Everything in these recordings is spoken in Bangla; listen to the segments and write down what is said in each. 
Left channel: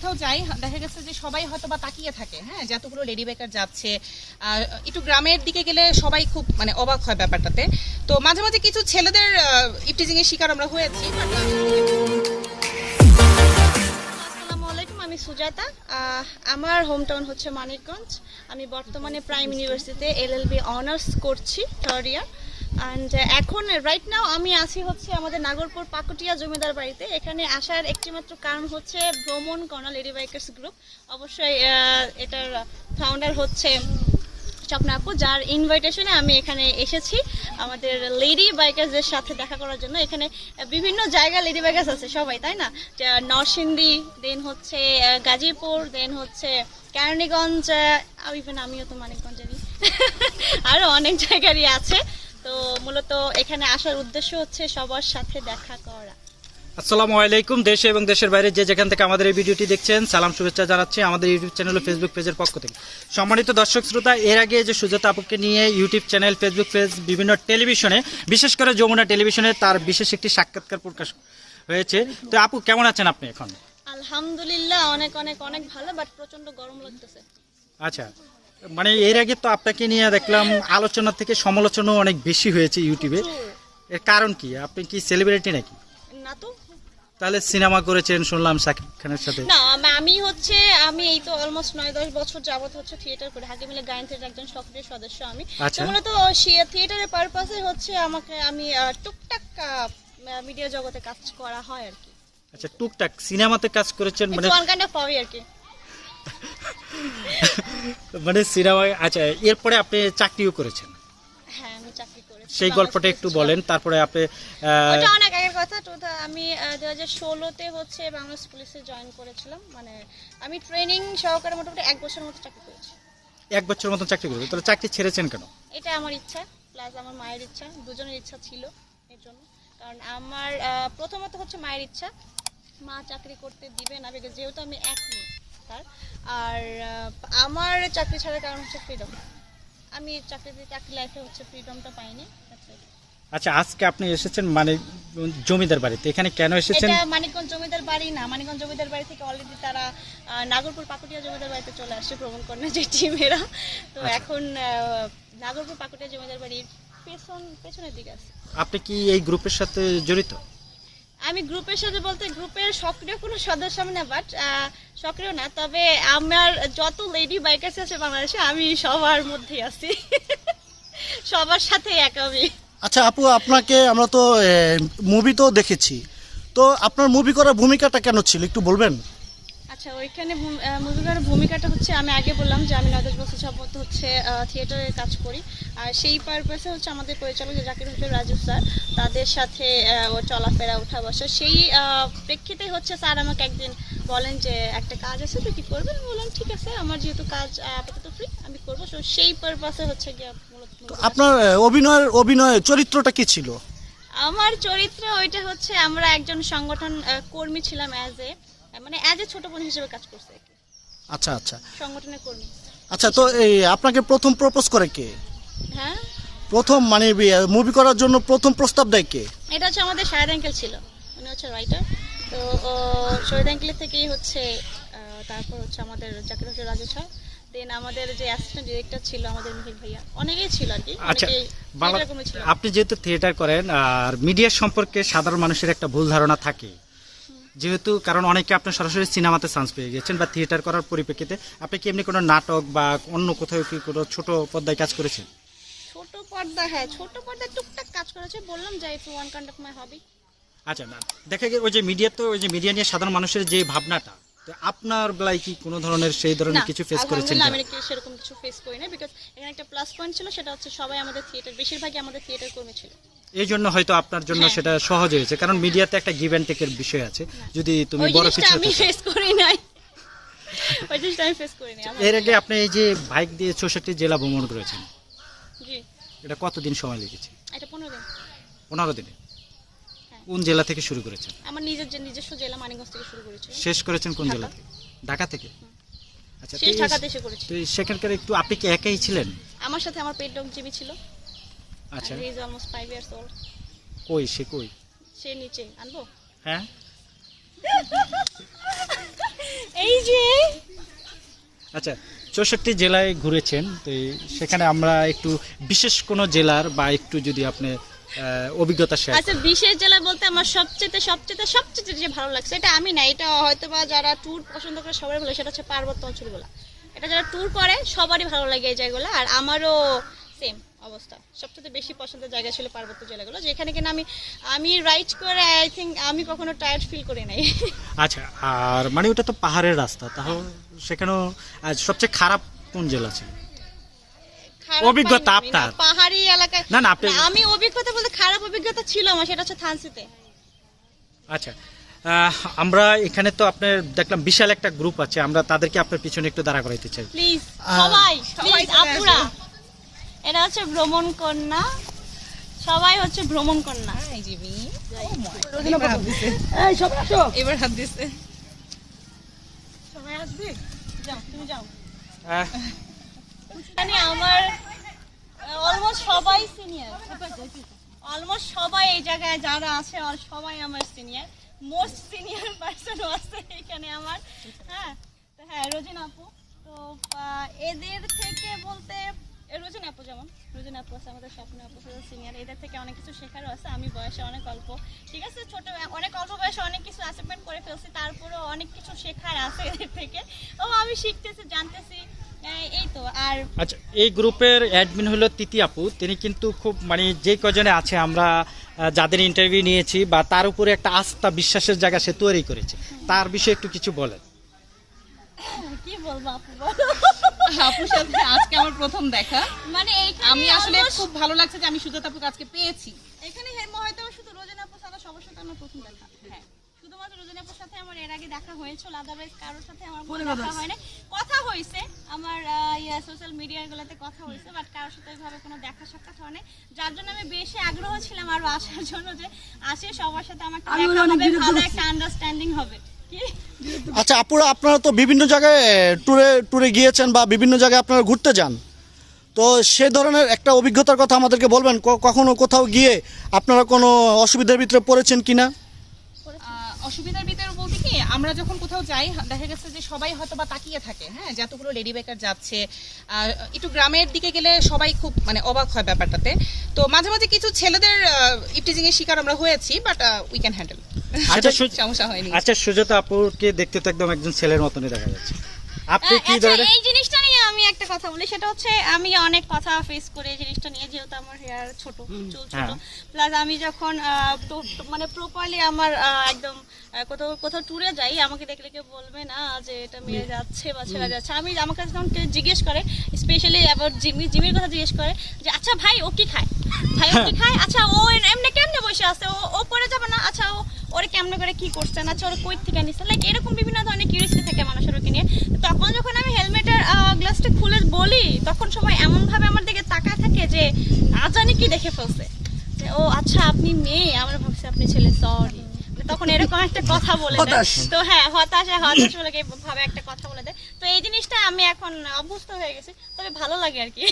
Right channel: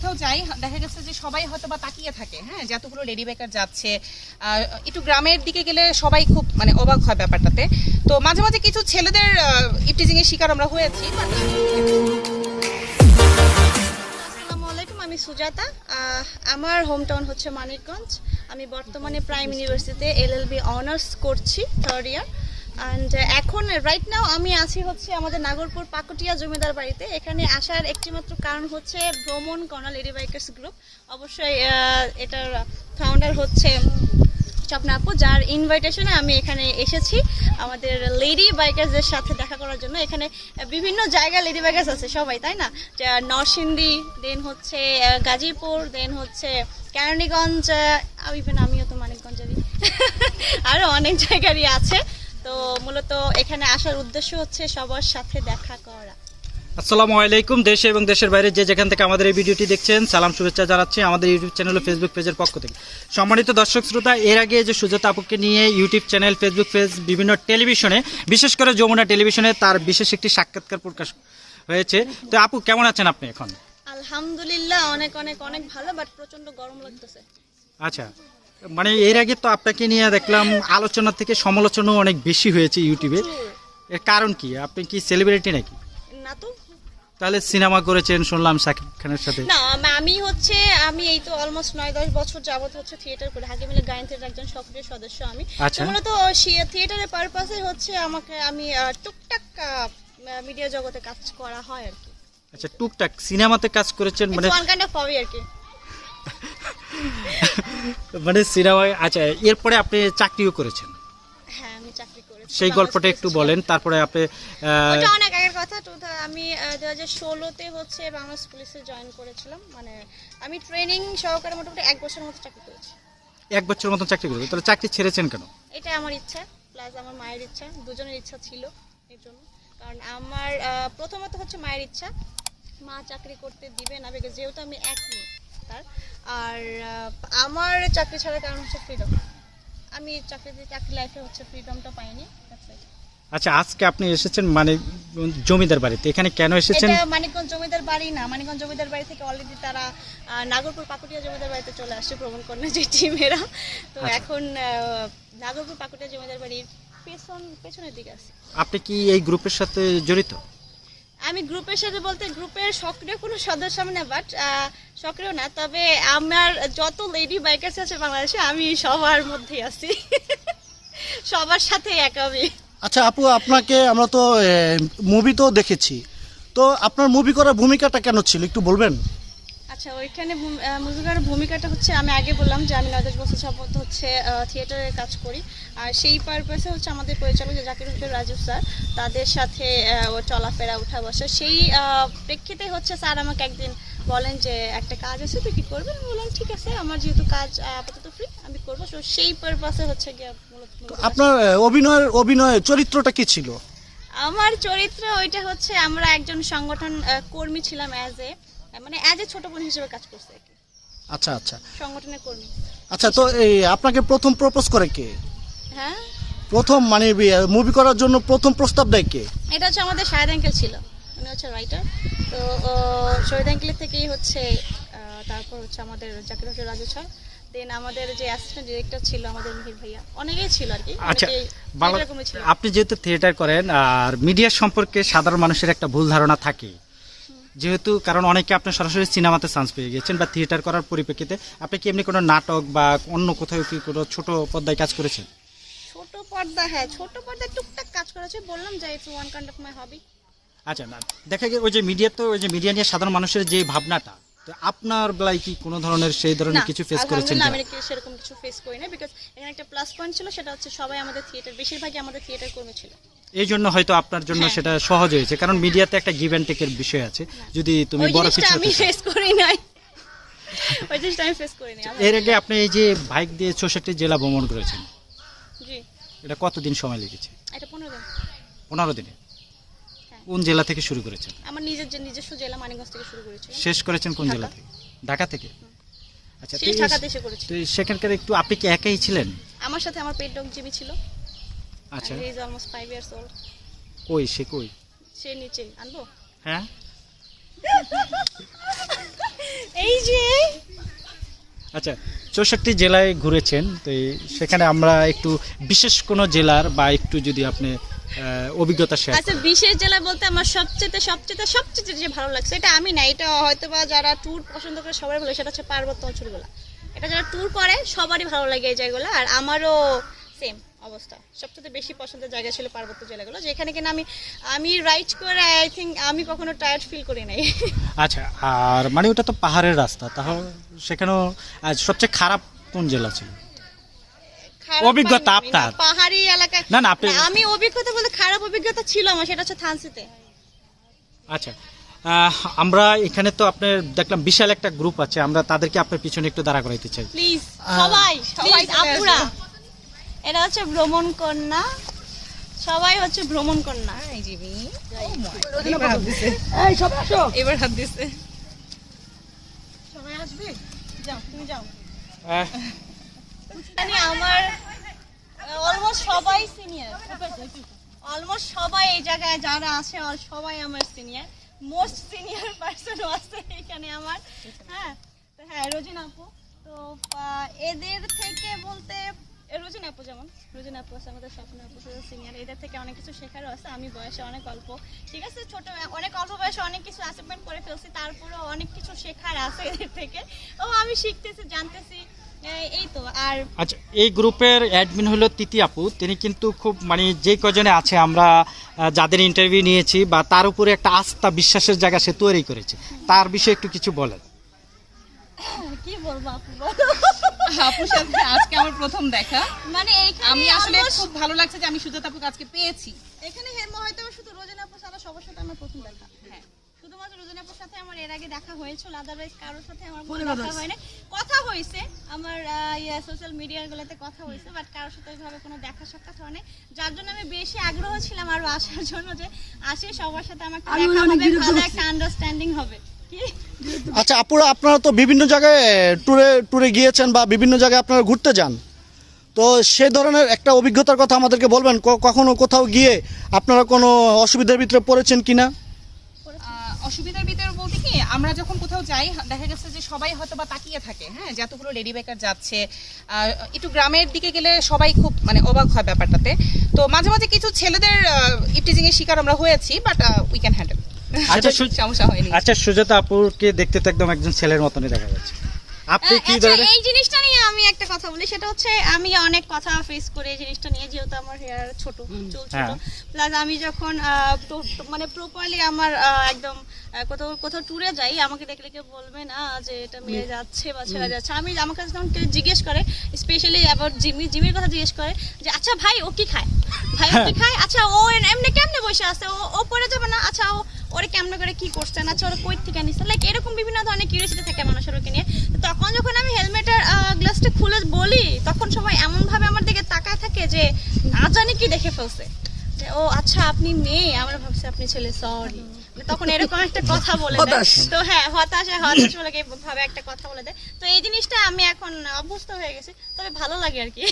কোথাও যাই, দেখা গেছে যে সবাই হয়তো বা তাকিয়ে থাকে হ্যাঁ যে এতগুলো লেডি বেকার যাচ্ছে। একটু গ্রামের দিকে গেলে সবাই খুব মানে অবাক হয় ব্যাপারটাতে। তো মাঝে মাঝে কিছু ছেলেদের ইপটিজিং এর শিকার আমরা হয়েছি আমি সুজাতা। আমার হোম টাউন হচ্ছে মানিকগঞ্জ। আমি বর্তমানে প্রাইম ইউনিভার্সিটিতে এলএলবি অনার্স করছি থার্ড ইয়ার অ্যান্ড এখন রাইট নাও আমি আছি হচ্ছে আমাদের নাগরপুর পাকুটিয়া জমিদার বাড়িতে। এখানে আসার একটিমাত্র কারণ হচ্ছে ভ্রমণ কর্নাল লেডি বাইকার্স গ্রুপ। অবশ্যই এটার ফাউন্ডার হচ্ছে স্বপ্না আপু, যার ইনভাইটেশনে আমি এখানে এসেছি আমাদের লেডি বাইকার্সদের সাথে দেখা করার জন্য। এখানে বিভিন্ন জায়গায় লেডি বাইকার্স আছে সবাই, তাই না? নরসিংদী দেন হচ্ছে গাজীপুর দেন হচ্ছে কেরানীগঞ্জ ইভেন আমিও তো মানিকগঞ্জেরই। আরও অনেক জায়গারই আছে। তো মূলত এখানে আসার উদ্দেশ্য হচ্ছে সবার সাথে দেখা করা। আসসালামু আলাইকুম দেশে এবং দেশের বাইরে যে যেখান থেকে আমাদের এই ভিডিওটি দেখছেন সালাম শুভেচ্ছা জানাচ্ছি আমাদের ইউটিউব চ্যানেল ও ফেসবুক পেজের পক্ষ থেকে। সম্মানিত দর্শক শ্রোতা এর আগে যে সুজাতা আপুকে নিয়ে ইউটিউব চ্যানেল ফেসবুক পেজ বিভিন্ন টেলিভিশনে বিশেষ করে যমুনা টেলিভিশনে তার বিশেষ একটি সাক্ষাৎকার প্রকাশ হয়েছে। তো আপু কেমন আছেন আপনি এখন? আলহামদুলিল্লাহ অনেক অনেক অনেক ভালো বাট প্রচণ্ড গরম লাগতেছে। আচ্ছা। মানে এর আগে তো আপনাকে নিয়ে দেখলাম আলোচনা থেকে সমালোচনা অনেক বেশি হয়েছে ইউটিউবে। এর কারণ কি? আপনি কি সেলিব্রিটি নাকি? না তো। তাহলে সিনেমা করেছেন শুনলাম সাকিব খানের সাথে। না আমি হচ্ছে আমি এই তো অলমোস্ট নয় দশ বছর যাবত হচ্ছে থিয়েটার করে। হাকি মিলে গায়ন থিয়েটার একজন সক্রিয় সদস্য আমি। আচ্ছা। তো মূলত থিয়েটারের পারপাসে হচ্ছে আমাকে আমি টুকটাক মিডিয়া জগতে কাজ করা হয় আর কি। আচ্ছা টুকটাক সিনেমাতে কাজ করেছেন মানে ওয়ান কাইন্ড অফ হবি আর কি। মানে সিনেমায় আচ্ছা এরপরে আপনি চাকরিও করেছেন। হ্যাঁ আমি চাকরি করেছি। সেই গল্পটা একটু বলেন তারপরে আপনি ওটা অনেক আগের কথা তো আমি দু হাজার ষোলোতে হচ্ছে বাংলাদেশ পুলিশে জয়েন করেছিলাম। মানে আমি ট্রেনিং সহকারে মোটামুটি এক বছর মতো চাকরি করেছি। এক বছর মতো চাকরি করবেন তাহলে চাকরি ছেড়েছেন কেন? এটা আমার ইচ্ছা প্লাস আমার মায়ের ইচ্ছা দুজনের ইচ্ছা ছিল এর জন্য। কারণ আমার প্রথমত হচ্ছে মায়ের ইচ্ছা। মা চাকরি করতে দিবে না যেহেতু আমি এক মেয়ে আর আমার চাকরি ছাড়ার কারণ হচ্ছে ফ্রিডম আমি চাকরি চাকরি লাইফে হচ্ছে ফ্রিডমটা পাইনি আচ্ছা আজকে আপনি এসেছেন মানে জমিদার বাড়িতে। এখানে কেন এসেছেন? এটা মানিকগঞ্জ জমিদার বাড়ি না মানিকগঞ্জ জমিদার বাড়ি থেকে অলরেডি তারা নাগরপুর পাকুটিয়া জমিদার বাড়িতে চলে আসছে ভ্রমণ করে যে টিমেরা তো আচ্ছা। এখন নাগরপুর পাকুটিয়া জমিদার বাড়ির পেছন পেছনের দিকে আছে। আপনি কি এই গ্রুপের সাথে জড়িত? আমি গ্রুপের সাথে বলতে গ্রুপের সক্রিয় কোনো সদস্য আমি না বাট সক্রিয় না, তবে আমার যত লেডি বাইকার্স আছে বাংলাদেশে, আমি সবার মধ্যে আছি। সবার সাথে এক আমি। আচ্ছা আপু, আপনাকে আমরা তো মুভি তো দেখেছি। তো আপনার মুভি করার ভূমিকাটা কেন ছিল, একটু বলবেন? আচ্ছা ওইখানে মুভি করার ভূমিকাটা হচ্ছে আমি আগে বললাম যে আমি নয় দশ বছর যাবত হচ্ছে থিয়েটারের কাজ করি। আর সেই পারপাসে হচ্ছে আমাদের পরিচালক যে জাকির হোসেন রাজু স্যার তাদের সাথে ও চলাফেরা উঠা বসা সেই প্রেক্ষিতে হচ্ছে স্যার আমাকে একদিন বলেন যে একটা কাজ আছে তুই কি করবেন আমি বললাম ঠিক আছে আমার যেহেতু কাজ আপাতত ফ্রি আমি করব। তো সেই পারপাসে হচ্ছে গিয়ে। আপনার অভিনয়ের অভিনয় চরিত্রটা কি ছিল? আমার চরিত্র ওইটা হচ্ছে আমরা একজন সংগঠন কর্মী ছিলাম অ্যাজ এ মানে অ্যাজ এ ছোট বোন হিসেবে কাজ করছে আর কি। আচ্ছা আচ্ছা। সংগঠনের কর্মী। আচ্ছা তো এই আপনাকে প্রথম প্রপোজ করে কে? হ্যাঁ। প্রথম মানে মুভি করার জন্য প্রথম প্রস্তাব দেয় কে? এটা হচ্ছে আমাদের শাহেদ আঙ্কেল ছিল। উনি হচ্ছে রাইটার তো শহীদ আঙ্কেলের থেকেই হচ্ছে তারপর হচ্ছে আমাদের জাকির হোসেন রাজু স্যার দেন আমাদের যে অ্যাসিস্ট্যান্ট ডিরেক্টর ছিল আমাদের মিহির ভাইয়া। অনেকেই ছিল আর কি। আচ্ছা আপনি যেহেতু থিয়েটার করেন আর মিডিয়া সম্পর্কে সাধারণ মানুষের একটা ভুল ধারণা থাকে। যেহেতু কারণ অনেকে আপনার সরাসরি সিনেমাতে চান্স পেয়ে গেছেন বা থিয়েটার করার পরিপ্রেক্ষিতে আপনি কি এমনি কোনো নাটক বা অন্য কোথাও কি কোনো ছোটো পর্দায় কাজ করেছেন? ছোট পর্দা হ্যাঁ ছোট পর্দায় টুকটাক কাজ করেছে বললাম যে it's one kind of my hobby আচ্ছা ম্যাম। দেখা গেল ওই যে মিডিয়া তো ওই যে মিডিয়া নিয়ে সাধারণ মানুষের যে ভাবনাটা আপনার বেলায় কি কোনো ধরনের সেই ধরনের কিছু ফেস করেছেন কি? আমি সেরকম কিছু ফেস করি না বিকজ এখানে একটা প্লাস পয়েন্ট ছিল সেটা হচ্ছে সবাই আমাদের থিয়েটার বেশিরভাগই আমাদের থিয়েটার কর্মী ছিল। এই জন্য হয়তো আপনার জন্য হ্যাঁ। সেটা সহজ হয়েছে কারণ মিডিয়াতে একটা গিভ অ্যান্ড টেকের বিষয় আছে। যদি তুমি বড় কিছু আমি ফেস করি নাই। ওই জিনিসটা আমি ফেস করি নাই এর আগে আপনি এই যে বাইক দিয়ে চৌষট্টি জেলা ভ্রমণ করেছেন। জি। এটা কতদিন সময় লেগেছে? এটা পনেরো দিন। পনেরো দিনে। কোন জেলা থেকে শুরু করেছেন? আমার নিজের যে নিজস্ব জেলা মানিকগঞ্জ থেকে শুরু করেছিল শেষ করেছেন কোন জেলা থেকে? ঢাকা থেকে? আচ্ছা শেষ এই- ঢাকাতে এসে করেছি। তো এই সেখানকার একটু আপনি কি একাই ছিলেন? আমার সাথে আমার পেট ডগ জিবি ছিল। আচ্ছা। Is almost five years old কই সে কই? সে নিচে। আনব? হ্যাঁ। এই যে। আচ্ছা চৌষট্টি জেলায় ঘুরেছেন তো এই- সেখানে আমরা একটু বিশেষ কোনো জেলার বা একটু যদি আপনি অভিজ্ঞতা শেয়ার আচ্ছা বিশেষ জেলা বলতে আমার সবচেয়ে সবচেয়ে সবচেয়ে যে ভালো লাগছে এটা আমি না এটা হয়তো বা যারা ট্যুর পছন্দ করে সবাই বলে সেটা হচ্ছে পার্বত্য অঞ্চলগুলো এটা যারা ট্যুর করে সবারই ভালো লাগে এই জায়গাগুলো আর আমারও সেম অবস্থা। সবচেয়ে বেশি পছন্দের জায়গা ছিল পার্বত্য জেলাগুলো যেখানে কিনা আমি আমি রাইড করে আই থিঙ্ক আমি কখনো টায়ার্ড ফিল করি নাই। আচ্ছা আর মানে ওটা তো পাহাড়ের রাস্তা তাহলে সেখানেও সবচেয়ে খারাপ কোন জেলা ছিল? অভিজ্ঞতা। আপনার? পাহাড়ি এলাকায় না, না, আপনি- আমি অভিজ্ঞতা বলতে খারাপ অভিজ্ঞতা ছিল আমার সেটা হচ্ছে থানসিতে আচ্ছা। আহ, আমরা এখানে তো আপনার দেখলাম বিশাল একটা গ্রুপ আছে আমরা তাদেরকে আপনার পিছনে একটু দাঁড়া করাইতে চাই। প্লিজ সবাই সবাই প্লিজ আপুরা। এটা হচ্ছে ভ্রমণ কন্যা। সবাই হচ্ছে ভ্রমণ কন্যা। মিনি। এবার হাত দিছে। দিছে। সবাই আসবে? যাও তুমি যাও। মানে আমার অলমোস্ট সবাই সিনিয়র অলমোস্ট সবাই এই জায়গায় যারা আছে সবাই আমার সিনিয়র মোস্ট সিনিয়র পার্সনও আছে এখানে আমার। হ্যাঁ? তো হ্যাঁ রোজিন আপু। তো এদের থেকে বলতে রোজিন আপু যেমন, রোজিন আপু আছে আমাদের, স্বপ্ন আপু সিনিয়র এদের থেকে অনেক কিছু শেখারও আছে, আমি বয়সে অনেক অল্প। ঠিক আছে? ছোট, অনেক অল্প বয়সে অনেক কিছু অ্যাচিভমেন্ট করে ফেলছি, তারপরেও অনেক কিছু শেখার আছে এদের থেকে। ও, আমি শিখতেছি, জানতেছি। এই- এই তো আর আচ্ছা এই গ্রুপের অ্যাডমিন হলো তিতি আপু। তিনি কিন্তু খুব মানে যে কজনে আছে আমরা যাদের ইন্টারভিউ নিয়েছি বা তার উপরে একটা আস্থা বিশ্বাসের জায়গা সে তৈরি করেছে। তার বিষয়ে একটু কিছু বলেন। কি বলব আপু? আপুর সাথে আজকে আমার প্রথম দেখা। মানে আমি আসলে খুব ভালো লাগছে যে আমি সুজাতা আপুকে আজকে পেয়েছি। এখানে হেরমো হয়তো শুধু রোজনা আপু ছাড়া সবার সাথে আমার প্রথম দেখা। হ্যাঁ। শুধুমাত্র সাথে আমার এর আগে দেখা হয়েছিল আদারওয়াইজ কারোর সাথে আমার কোনো দেখা হয় না কথা হয়েছে আমার সোশ্যাল মিডিয়া গুলোতে কথা হয়েছে বাট কারোর সাথে ওইভাবে কোনো দেখা সাক্ষাৎ হয় যার জন্য আমি বেশি আগ্রহ ছিলাম আরও আসার জন্য যে আসে সবার সাথে আমার একটা দেখা হবে ভালো একটা আন্ডারস্ট্যান্ডিং হবে। কি? আচ্ছা আপুরা আপনারা তো বিভিন্ন জায়গায় ট্যুরে ট্যুরে গিয়েছেন বা বিভিন্ন জায়গায় আপনারা ঘুরতে যান। তো সে ধরনের একটা অভিজ্ঞতার কথা আমাদেরকে বলবেন ক- কখনো কোথাও গিয়ে আপনারা কোনো অসুবিধার ভিতরে পড়েছেন কিনা? অসুবিধার ভিতরে বলতে কি আমরা যখন কোথাও যাই দেখা গেছে যে সবাই হয়তো বা তাকিয়ে থাকে হ্যাঁ যতগুলো লেডি বেকার যাচ্ছে। একটু গ্রামের দিকে গেলে সবাই খুব মানে অবাক হয় ব্যাপারটাতে। তো মাঝে মাঝে কিছু ছেলেদের ইপটিজিং এর শিকার আমরা হয়েছি বাট উই ক্যান হ্যান্ডেল আচ্ছা সু- সমস্যা হয়নি। আচ্ছা সুজাতা আপুকে দেখতে তো একদম একজন ছেলের মতনই দেখা যাচ্ছে। আপনি কি আচ্ছা এই জিনিসটা আমি একটা কথা বলি সেটা হচ্ছে আমি অনেক কথা ফেস করে জিনিসটা নিয়ে যেহেতু আমার হেয়ার ছোট চুল ছোট হ্যাঁ। প্লাস আমি যখন মানে প্রপারলি আমার একদম কোথাও কোথাও ট্যুরে যাই আমাকে দেখলে কেউ বলবে না যে এটা মেয়ে যাচ্ছে বা ছেলে যাচ্ছে। আমি আমার কাছে যখন কেউ জিজ্ঞেস করে স্পেশালি আবার জিমি জিমির কথা জিজ্ঞেস করে যে আচ্ছা ভাই ও কি খায়? ভাই ও কি আচ্ছা ও এমনি কেমনে বসে আছে? ও ও পড়ে যাবে না? আচ্ছা ও ওরে কেমনে করে কি করছেন আচ্ছা ওরা কই থেকে নিচ্ছে লাইক এরকম বিভিন্ন ধরনের কিউরিয়াসিটি থাকে মানুষের ওকে নিয়ে। তখন যখন আমি হেলমেটের গ্লাসটা খুলে বলি তখন সবাই এমন ভাবে আমার দিকে তাকায় থাকে যে না জানি কি দেখে ফেলছে। ও আচ্ছা আপনি মেয়ে? আমরা ভাবছি আপনি ছেলে সরি তখন এরকম একটা কথা বলে দেয়। তো হ্যাঁ হতাশা হতাশ বলে ভাবে একটা কথা বলে দেয়। তো এই জিনিসটা আমি এখন অভ্যস্ত হয়ে গেছি তবে ভালো লাগে আর কি।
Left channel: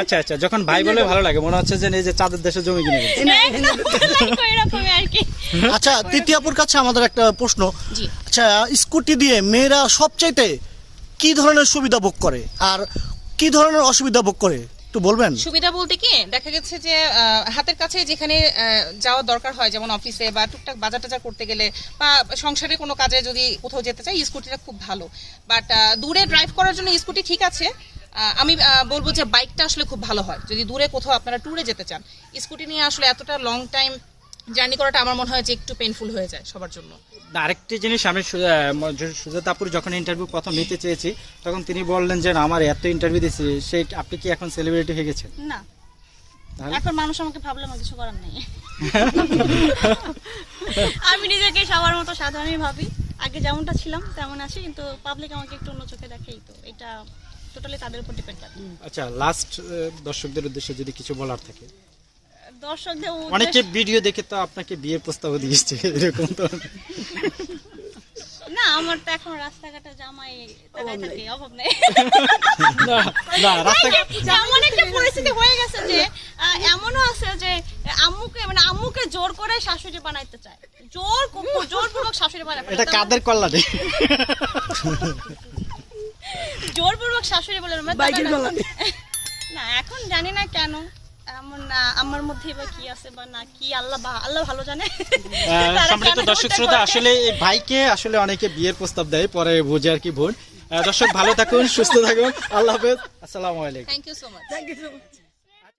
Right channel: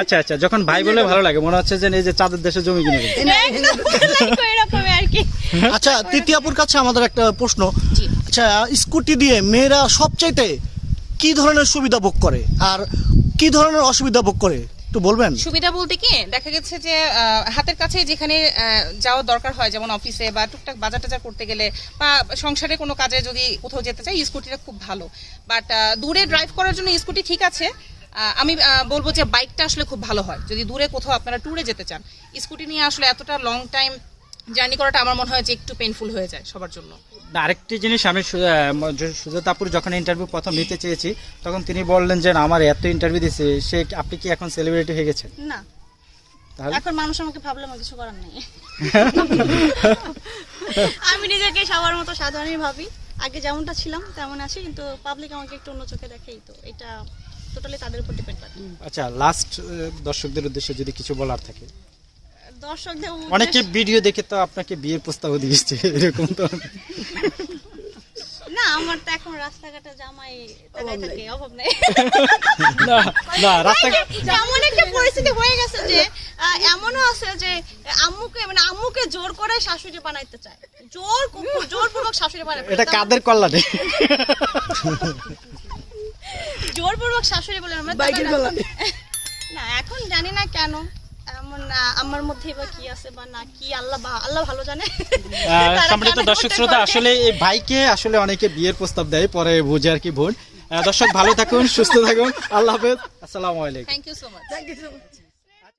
আচ্ছা আচ্ছা যখন ভাই বলে ভালো লাগে মনে হচ্ছে যে এই যে চাঁদের দেশে জমি কিনে। এরকমই আর কি। আচ্ছা তৃতীয়াপুর কাছে আমাদের একটা প্রশ্ন। আচ্ছা স্কুটি দিয়ে মেয়েরা সবচাইতে কি ধরনের সুবিধা ভোগ করে? আর কি ধরনের অসুবিধা ভোগ করে? একটু বলবেন? সুবিধা বলতে কি, দেখা গেছে যে হাতের কাছে যেখানে যাওয়া যাওয়ার দরকার হয়, যেমন অফিসে বা টুকটাক বাজার টাজার করতে গেলে বা সংসারে কোনো কাজে যদি কোথাও যেতে চাই, স্কুটিটা খুব ভালো। বাট দূরে ড্রাইভ করার জন্য স্কুটি ঠিক আছে। আমি বলব যে বাইকটা আসলে খুব ভালো হয়। যদি দূরে কোথাও আপনারা ট্যুরে যেতে চান, স্কুটি নিয়ে আসলে এতটা লং টাইম জার্নি করাটা আমার মনে হয় যে একটু পেইনফুল হয়ে যায় সবার জন্য। আরেকটি জিনিস আমি সু- আহ, জ- যখন ইন্টারভিউ প্রথম নিতে চেয়েছি তখন তিনি বললেন যে আমার এত ইন্টারভিউ দিয়েছে সে আপনি কি এখন সেলিব্রিটি হয়ে গেছেন? না। এখন মানুষ আমাকে ভাবলে আমার কিছু করার নেই। আমি নিজেকে সবার মতো সাধারণই ভাবি। আগে যেমনটা ছিলাম তেমন আছি কিন্তু পাবলিক আমাকে একটু অন্য চোখে দেখেই তো। এটা টোটালি তাদের উপর ডিপেন্ড করে। আচ্ছা লাস্ট দর্শকদের উদ্দেশ্যে যদি কিছু বলার থাকে। দর্শকদের অনেকে ভিডিও দেখে তো আপনাকে বিয়ের প্রস্তাব দিয়েছে এরকম তো। না আমার তো এখন রাস্তাঘাটে জামাই তাকায় থাকে অভাব নেই। না না রাস্তা এমন একটা পরিস্থিতি হয়ে গেছে যে এমনও আছে যে আম্মুকে মানে আম্মুকে জোর করে শাশুড়ি বানাইতে চায়। জোর জোরপূর্বক শাশুড়ি বানাতে এটা কাদের কল্যাণে জোরপূর্বক শাশুড়ি বলে আমরা না এখন জানি না কেন। না, আমার মধ্যে বা কি আছে বা না কি আল্লাহ আল্লাহ ভালো জানে। সম্মানিত দর্শক শ্রোতা আসলে এই ভাইকে আসলে অনেকে বিয়ের প্রস্তাব দেয় পরে বুঝে আর কি ভুল। দর্শক ভালো থাকুন সুস্থ থাকুন। আল্লাহ হাফেজ। আসসালামু আলাইকুম। Thank you so much thank you so much